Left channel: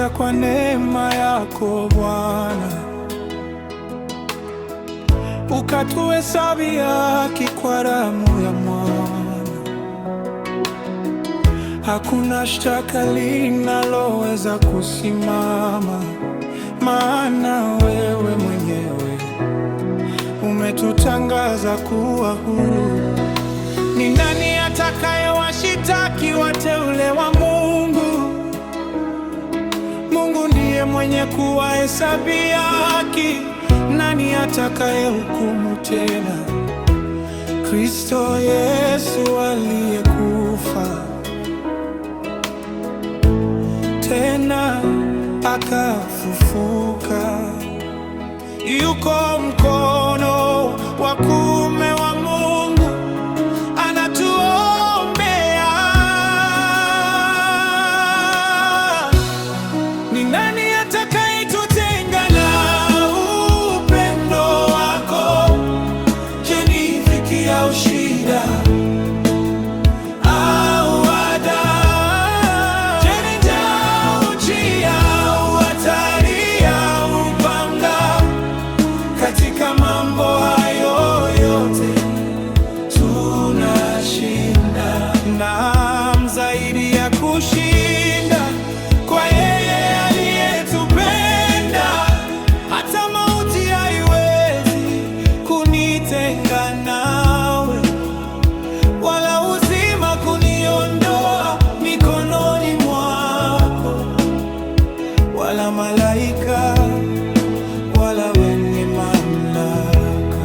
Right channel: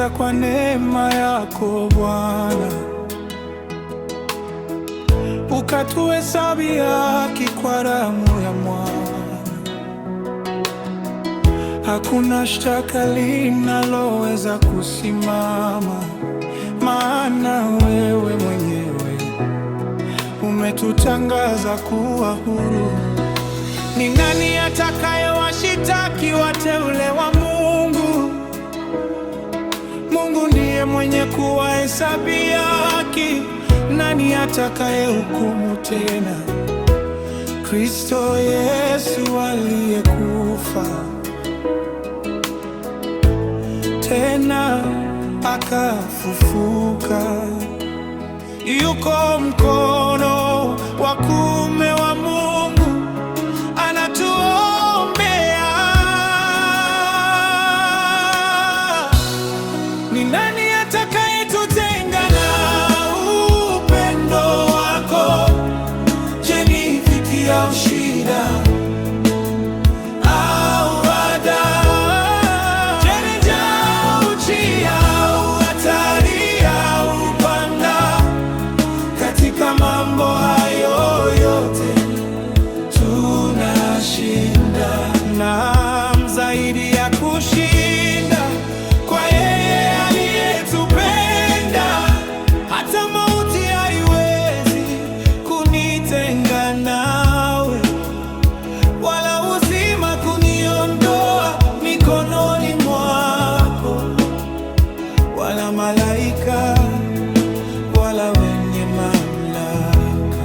umetuita kwa neema yako Bwana, ukatuhesabia haki kwa damu ya Mwana. Hakuna shtaka linaloweza kusimama, maana wewe mwenyewe umetutangaza kuwa huru. Ni nani atakayewashitaki wateule wa Mungu? Mungu ndiye mwenye kuwahesabia haki. Nani atakayehukumu tena? Kristo Yesu aliyekufa tena akafufuka, yuko mkono wa kuume wa Mungu, anatuombea. Ni nani atakayetutenga na upendo wako? Je, ni dhiki au shida au adha? Je, ni njaa au njia au hatari au upanga? Katika mambo hayo yote tunashinda, naam, zaidi ya kushinda, kwa yeye aliyetupenda. Hata mauti haiwezi kunitenga nawe, wala uzima kuniondoa mikononi mwako, wala malaika, wala wenye mamlaka,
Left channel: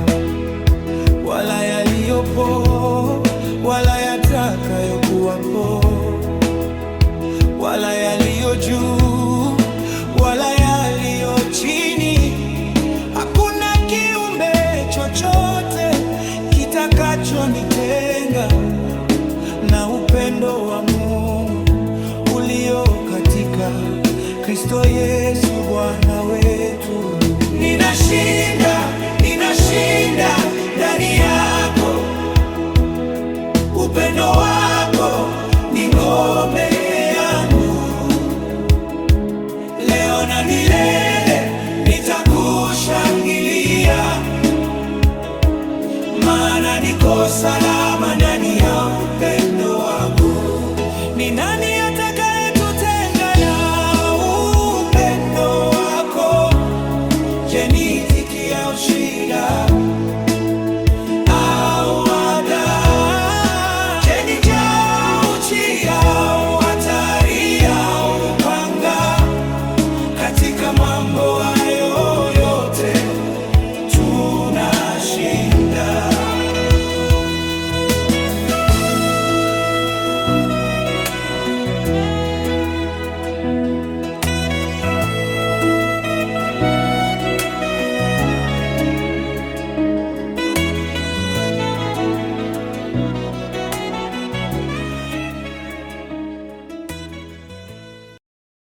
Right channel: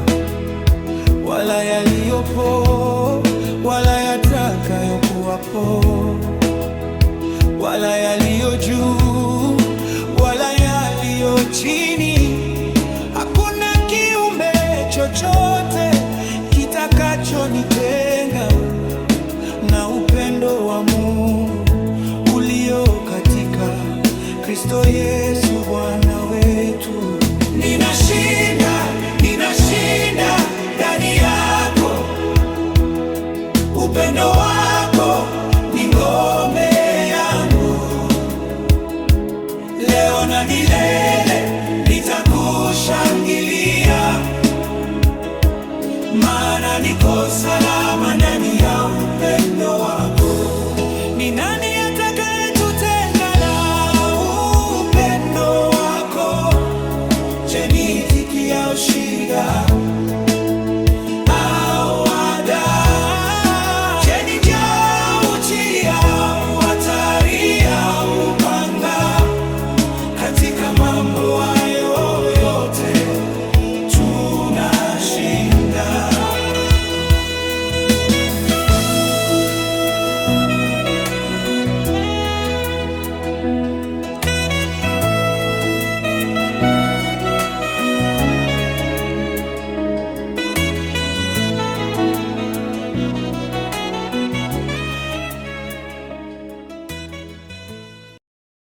wala yaliyopo, wala yatakayokuwapo, wala yaliyo juu, wala yaliyo chini. Hakuna kiumbe chochote kitakachonitenga na upendo wa Mungu ulio katika Kristo Yesu Bwana wetu. Ninashinda, ninashinda ndani yako. Upendo wako ni ngome yangu. Leo na milele nitakushangilia, maana niko salama.